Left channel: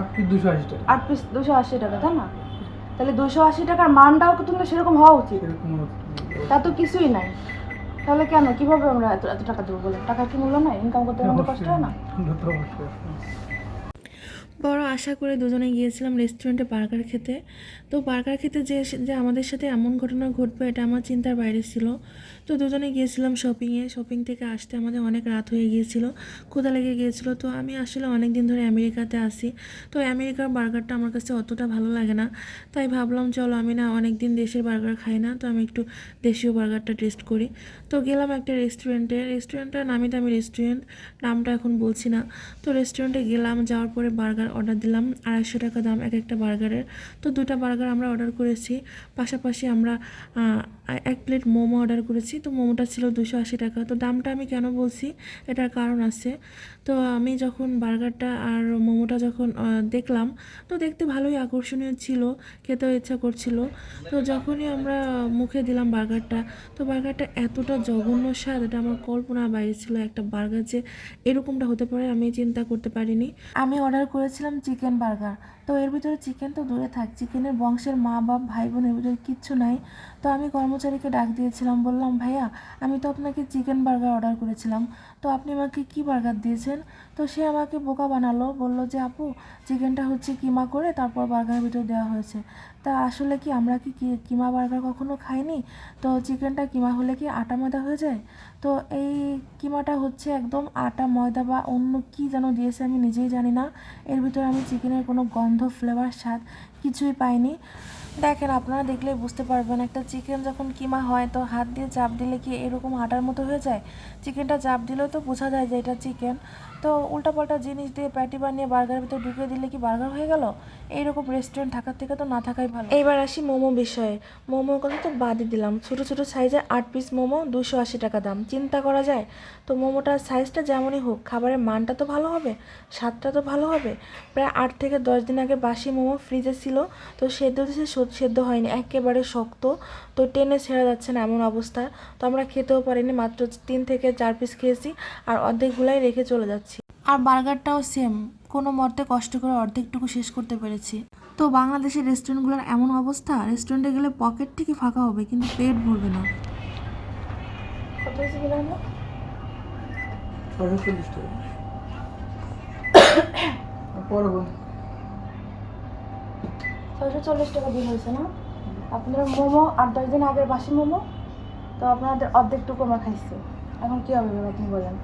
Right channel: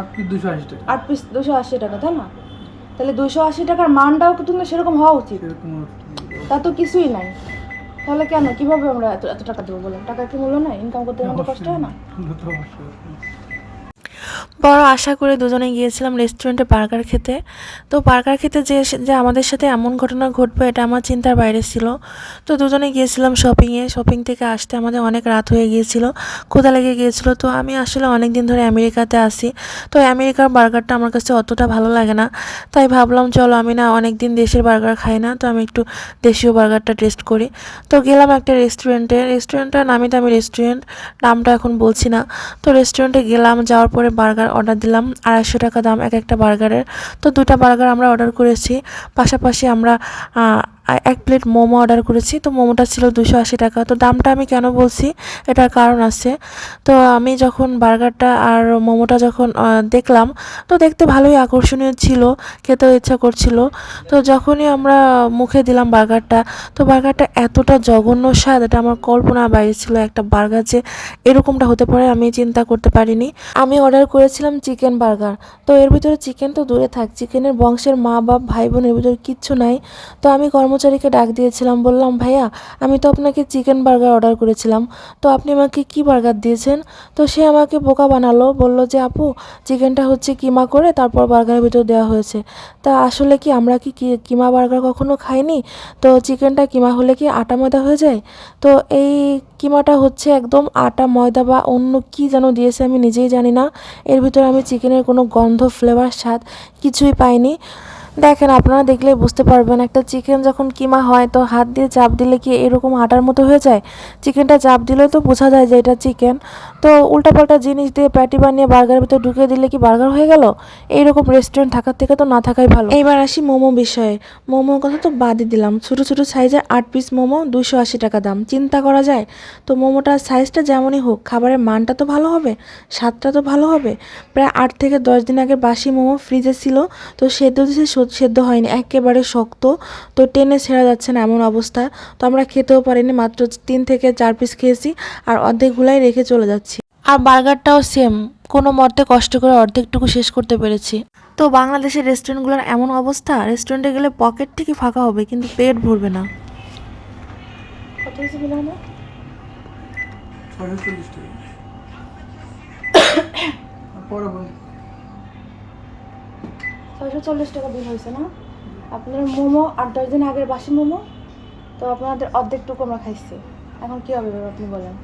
আট পিস দুশো আশি টাকা। আট পিস দুশো আশি টাকা তাই না? তাহলে দুশো আশি টাকার মানটাও কিন্তু সেরকম হওয়া উচিত? তা তো কিছুই নাই। তাহলে কেন? কীভাবে আমরা এত এত টাকা দেবো বলে? টাকা কি মূল্য নাই? ইনকাম করতে কষ্ট হয় না? বড় আশা করে দুজনে গিয়েছিলাম রেস্টুরেন্টে বার্গার খেতে। তো বার্গার খেতে যে যে আমাদের সাথে এমন ঘটনা ঘটবে এটা আমার চিন্তার বাইরে ছিল। তো দুজনে গিয়েছিলাম শপিংয়ে শপিং থেকে আসতে আমাদের অনেক রাত হয়ে গিয়েছিল, ক্ষুধা লেগে গিয়েছিল। তো আমি আসলে অনেক দিন ধরে আমেরিকাতে আসি তো আমেরিকার বার্গারটা আমার কাছে অতটা ভালো লাগে না। তাই ভাবলাম, চলো আমি না অনেক দিন দেশের বার্গার খাই না, তো আমি একটু দেশীয় বার্গারটা টেস্ট করি। তো গেলাম একটা রেস্টুরেন্টে রেস্টুরেন্টটা নামি দামি রেস্টুরেন্ট নামটা এখন বলছি না। তো রেস্টুরেন্টে গেলাম, যাওয়ার পরে বার্গার অর্ডার দিলাম, আড়াইশো টাকা দাম এক একটা বার্গারের তো দুটা বার্গার আমরা অর্ডার করেছি। পাশাপাশি আমরা এক প্লেট মোমো অর্ডার করেছি, তো মোমোটা ছিল দুশো আশি টাকা। তো দামটা আমি কেন বলছি? এটার কারণ আছে। তো আমি যখন বার্গারটা আর মোমোটা যখন দেখলাম, তো দেখতে ভালোই আকর্ষণীয় ছিল, খেতেও ইচ্ছা করছিল। তো যখনই আমরা মুখে দিলাম বার্গারটা, তো বার্গারটা এতটা জঘন্য স্বাদ, এটা আমার কল্পনা বাইরে ছিল একটা বার্গার যে এরকমটা হতে পারে, আমি চিন্তা করতে পারিনি। আমি অর্ডার করেছিলাম চিকেন বার্গার। তো এর ভিতরে চিকেন তো দূরে থাক, চিকেনের বংশের মা বাপ ভাই বোনের ভিতরে কিচ্ছু নাই। তো আমি কর্মচারীকে ডাক দিয়েছিলাম, বললাম, ভাইয়া, আমি তো আপনাকে চিকেন বার্গার অর্ডার করেছিলাম। তো আপনি আমাকে কি বার্গার দিয়েছেন? তো সে আমাকে বোকা বানালো, বলল যে, আপু, চিকেনটা হচ্ছে কিমা করে তারপর বার্গারের ভিতর দেওয়া হয়েছে। তা আসলে কি আমরা কি কিমা বার্গার কখনো খাইনি? তো চিকেনটা কিমা হলে কি আটা ময়দা হয়ে যায়? তো এই কিমাটা হচ্ছে একদম আটা ময়দা বা অন্য কি যেন দিয়েছে আমি নিজেই জানি না। এর ভিতরে আমি চিকেনের কোনো গন্ধ ফ্লেভার স্বাদ কিছুই পাইনি। দেখেন, আপনারা দেখলেই বুঝতে পারবেন, একটা চিকেন যখন কিমা হয়, তো হাত দিয়ে চাপ দিলে কি এরকম আটার মতো হয়ে যায়? চিকেনটা চাপ দিলে তো বোঝা যায় যে এটা চিকেন তো উল্টাপাল্টা জিনিস দিয়ে প্যাটি বানিয়ে বার্গারের ভিতরে ঢুকিয়ে দিলে কি বার্গার হয়ে গেল? এইরকম রেস্টুরেন্ট থাকার থেকে তো না থাকাই ভালো। এইবার আসি মোমো বিষয়ে। মোমোর কথা তো বাদই দিলাম। ছোটো ছোটো সাইজে আট পিস মোমো দুশো আশি টাকা দাম। চিন্তা করা যায়? তো মোমোটার সাইজটা যেমনই হোক, খাবারের মানটা তো ভালো হবে, স্বাদটা তো ভালো হবে। প্রায় আট থেকে দশ দিন আগে বাসি মোমো ফ্রিজে ছিল, তো সেদ্ধ দিছে সেদ্ধ হয়নি একেবারে শক্ত। তো টেনে ছেঁড়া যাচ্ছে না এমন অবস্থা। তো আমরা খেতেও পারিনি মাত্র তিন থেকে চার পিস খেয়েছি আর অর্ধেকগুলাই রেখে চলে যাচ্ছি। আর বার্গারটাও সেম কোনো মতে কষ্ট করে অর্ধেকটুকু শেষ করতে পেরেছি। তো বাংলাদেশের রেস্টুরেন্টগুলোর এমন অবস্থা রেস্টুরেন্টে গেলে পকেট থেকে ফাঁকা হবে কিন্তু পেট ভরবে না। পরে ছয়শো চল্লিশ টাকা বিল হয়েছে না? আপনাদের মোমো আট দশ দিন আগের বাসি মোমো তো আপনাদের অর্ধেকটুকু আমরা খাইছি। এখন কী হবে ম্যাম আপনি বলেন?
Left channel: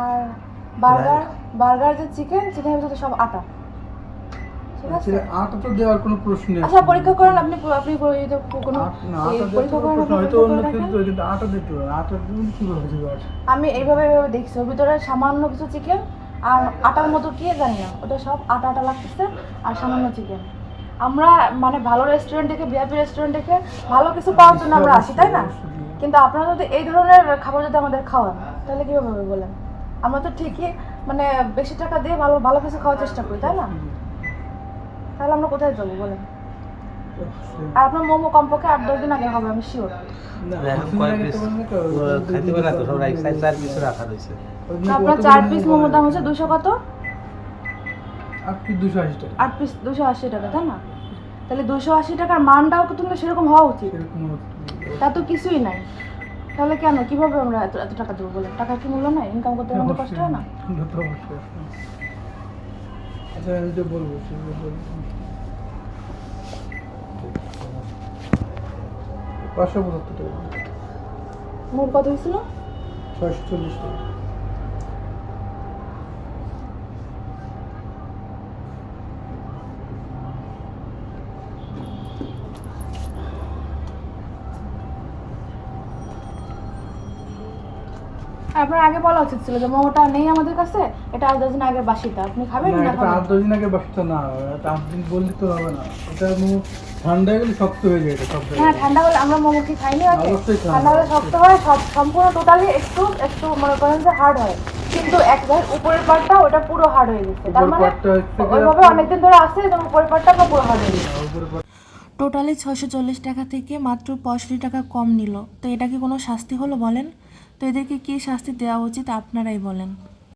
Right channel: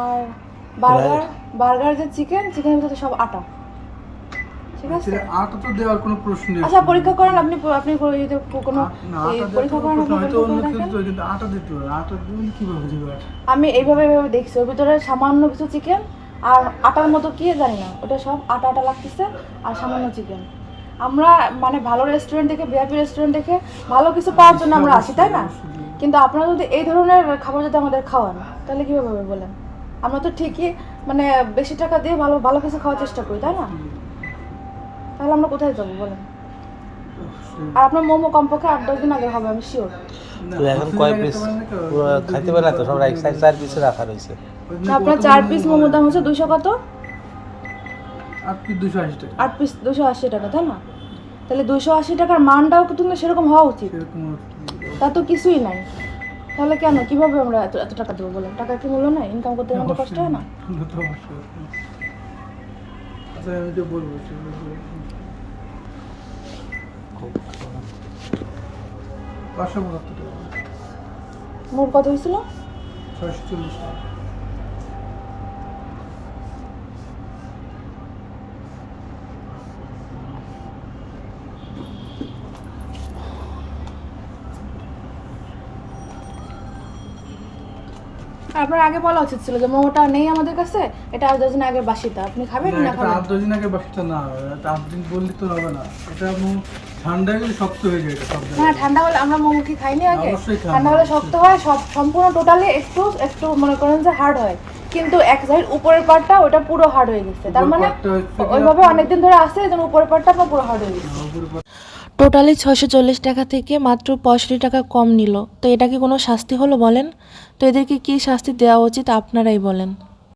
আর বার্গার বার্গার যে চিকেন চিকেনের ভিতরে সব আটা। ঠিক আছে? আটা তো দেওয়ার কোনো প্রশ্নই আচ্ছা পরীক্ষা করেন আপনি আপনি যদি কোনো আ- না, এই আটা দেওয়ার পরীক্ষা করেন হয়তো অন্য কিছু কিন্তু আটা দিতে হবে। আটা দিলে কীভাবে দেবে আমি এইভাবে এইভাবে দেখছি ওর ভিতরে সামান্য কিছু চিকেন আর আটার মতো কে জানি না, ওটা সব আটা আটা লাগতেছে আর সামান্য চিকেন আমরা মানে ভালো রেস্টুরেন্ট দেখে বিআপি রেস্টুরেন্ট দেখে ভালো কিছু পাওয়ার জন্য আমরা আসি, তাই না? কিন্তু আপনারা যদি এই ধরনের খাবার যদি আমাদের খাওয়ান, তাহলে কীভাবে হবে বলেন? আমরা তো ঠিকই মানে বেশি টাকা দিয়ে ভালো ভালো কিছু খাওয়ার চেষ্টা করি, তাই না? তাহলে আমরা কোথায় যাব বলেন? আর আপনার মোমো কমপক্ষে আট দশ দিন আগে হবে আমি শিওর তো এখন কয় পিস খাইতে পারে না তো সব এক চার পিস রাখা রয়েছে। আপনার চার পিস মোমোর দাম হচ্ছে দুশো কত? আট পিস দুশো আশি টাকা। আট পিস দুশো আশি টাকা তাই না? তাহলে দুশো আশি টাকার মানটাও কিন্তু সেরকম হওয়া উচিত? তা তো কিছুই নাই। তাহলে কেন? কীভাবে আমরা এত এত টাকা দেবো বলে টাকা কি মূল্য নাই? ইনকাম করতে আমাদের কষ্ট হয় না? আচ্ছা আমি তো বলব। পাঁচশো পঁচাত্তর টাকা। মোট কত হয়েছিল? ছয়শো চল্লিশ টাকা। আপনার আগে বলা উচিত ছিল যে মোমোটা নেই আমাদের কাছে এটা আট দশ দিন আগের বাসিটা। আপনি খাবেন না, এটা খাবেন? আট দশ দিন আগে বসতে না এটা আট দিন বললে তো হবে না। এটা ঠান্ডা গেলে শক্ত হয়ে যায় এটা ঠান্ডা হলে আমরা মোমো কি খাইনি আগে? ঠান্ডা হলে শক্ত হয় সব সম্পূর্ণ টোটালি একটু একটু মনে করেন যে হার্ড হয়। কিন্তু এক সাইড উপরের পার্টটা ওটা পুরো হার্ড হয়ে গেছে। তার মানে পাটটা ওইভাবে অনেকদিন ধরে যেন উপরের আপনার পুরো হার্ড হয়ে গেছে। টোটালি ছয়শো চল্লিশ টাকা থেকে মাত্র পঁয়ষট্টি টাকা কম নিল। তো এটা কি কোনো শাস্তি হলো বলেন? তো এদেরকে কী শাস্তি দেওয়া উচিত আপনারাই বলেন।